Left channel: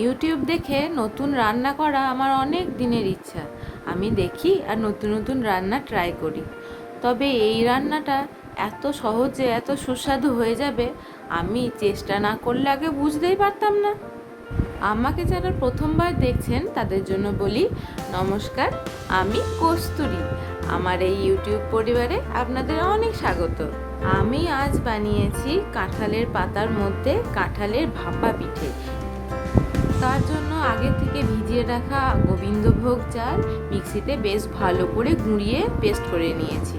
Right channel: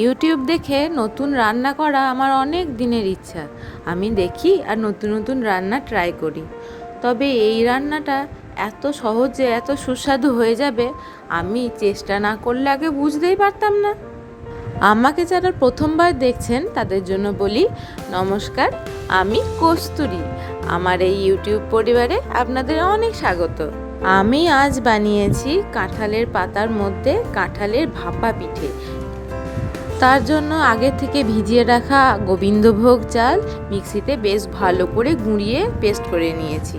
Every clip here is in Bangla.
ইউটিউব দেখে নতুন রান্না করা আমার অনেক দিনের ইচ্ছা। আমি দেখি আর নতুন নতুন রান্না ট্রাই করি। তবে এই রান্নাটা এত সহজে এত সুস্বাদু হয়ে যাবে আমি চেষ্টা না করলে আগে বুঝতেই পারতাম না। আমাকে যারা প্রথমবার দেখছেন তাদের জন্য বলি নমস্কার, আমি কস্তুরী। আমার এই ইউটিউব পরিবারে আপনাদের অনেক স্বাগত। আমি আজ বানিয়েছি কাঁঠালের পাতার মধ্যে কাঁঠালের ভাপা পিঠে। তার জন্য আগে থেকে ভিজিয়ে রাখা গোবিন্দভোগ চাল মিক্সিতে বেশ ভালো করে গুঁড়িয়ে পেস্ট করে নিয়েছি।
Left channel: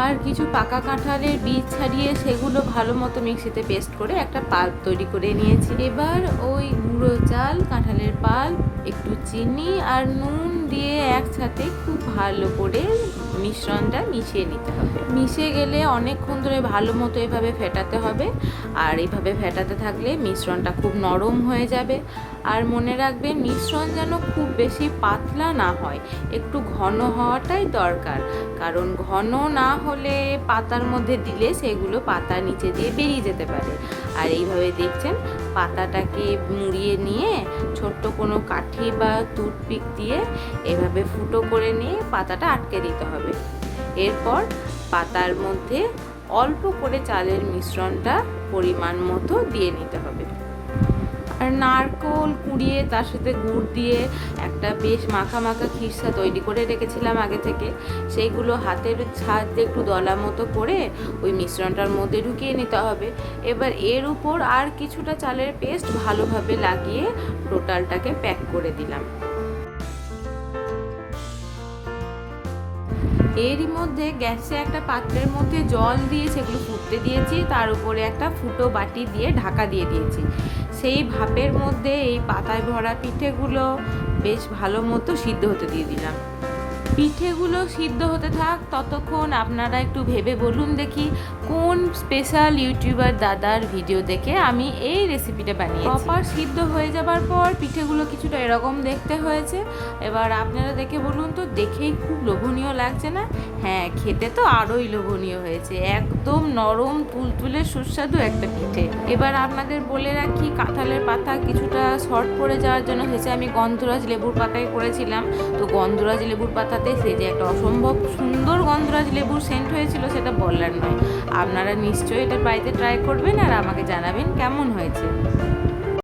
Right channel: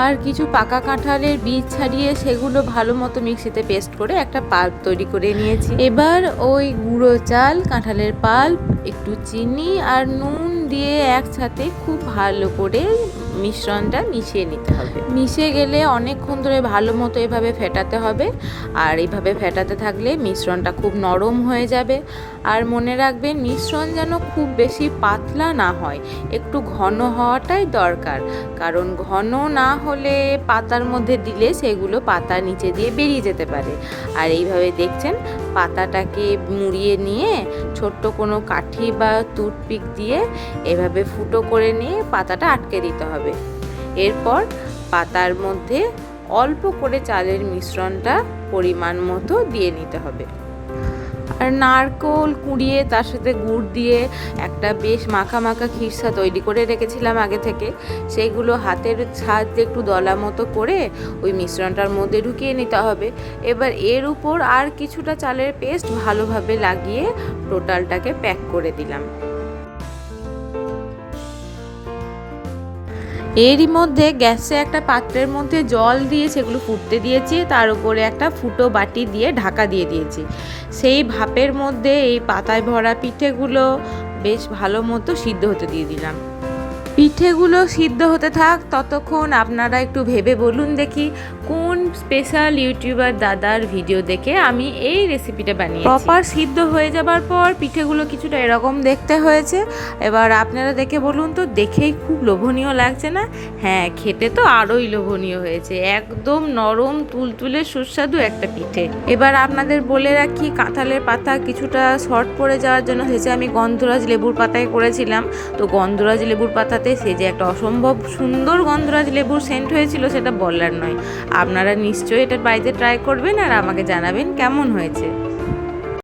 আর কিছু পাকা কাঁঠালের বীজ ছাড়িয়ে সেগুলো ভালো মতো মিক্সিতে পেস্ট করে একটা পাল্প তৈরি করে নিয়েছি। এবার ওই গুঁড়ো চাল, কাঁঠালের পাল্প, একটু চিনি আর নুন দিয়ে একসাথে খুব ভালো করে মিশ্রণটা মিশিয়ে নিতে হবে। মিশে গেলে অনেকক্ষণ ধরে ভালো মতো এভাবে ফেটাতে হবে। আর এইভাবে ফেটাতে থাকলে মিশ্রণটা খুব নরম হয়ে যাবে। আর মনে রাখবেন মিশ্রণ যেন খুব বেশি পাতলা না হয়, একটু ঘন হওয়াটাই দরকার। কারণ ঘন না হলে পাতার মধ্যে দিলে সেগুলো পাতার নিচে দিয়ে বেরিয়ে যেতে পারে। আর এইভাবে দেখছেন পাতাটাকে মুড়িয়ে নিয়ে ছোট্ট কোনো কাঠি বা টুথপিক দিয়ে এভাবে ফুটো করে নিয়ে পাতাটা আটকে দিতে হবে। এরপর পাতার মধ্যে অল্প করে চালের মিশ্রণটা পরিমাণ মতো দিয়ে নিতে হবে। আর নারকেল কুড়িয়ে তার সাথে গুড় দিয়ে একটা বেশ মাখা মাখা খিরসা তৈরি করে রেখেছিলাম আগে থেকে। সেইগুলো হাতের সাহায্যে একটু দলা মতো করে ওই মিশ্রণটার মধ্যে ঢুকিয়ে নিতে হবে। এবার এর উপর আর কিছুটা চালের পেস্ট ভালোভাবে লাগিয়ে টোটালটাকে প্যাক করে দিলাম। এরই মধ্যে গ্যাসে একটা পাত্রের মধ্যে জল দিয়ে সেগুলো ফুটতে দিয়েছি, তার উপরে একটা ফুটো বাটি দিয়ে ঢাকা দিয়ে দিয়েছি। সেই ভাপের মধ্যে এই পাতায় ভরা পিঠেগুলো বেশ ভালো মতো সিদ্ধ হতে দিয়ে দিলাম। পিঠেগুলো সিদ্ধ হতে থাক ততক্ষণ আপনারা একটু ভেবে বলুন দেখি কোন স্পেশাল ইউটিউবার দাদার ভিডিও দেখে আমি এই রেসিপিটা বানিয়েছি। প্রপার সিদ্ধ হয়ে যাবার পর পিঠেগুলো কিছুটা এরকম দেখতে হয়েছে। এবার আপনারা দেখে বলুন তো, দেখেই খুব লোভনীয় লাগছে না? হ্যাঁ, খেতে তো আরোই লোভনীয় হয়েছে। একদম নরম তুলতুলে সুস্বাদু একটা পিঠে। এবার আপনাদের বলে রাখি, কাঁঠালের পাতা কিছুটা শর্ট পড়ে যাওয়ার জন্য সেটা আমি গন্ধরাজ লেবুর পাতায় করেছিলাম। তো গন্ধরাজ লেবুর পাতাতে সে যে একটা অসম্ভব সুন্দর গন্ধরাজ লেবুর সেন্ট হয়েছিল সেটা বলার নয়। আপনারা নিশ্চয়ই এটা বাড়িতে ট্রাই করবেন আর আমাকে জানাবেন কেমন হয়েছে।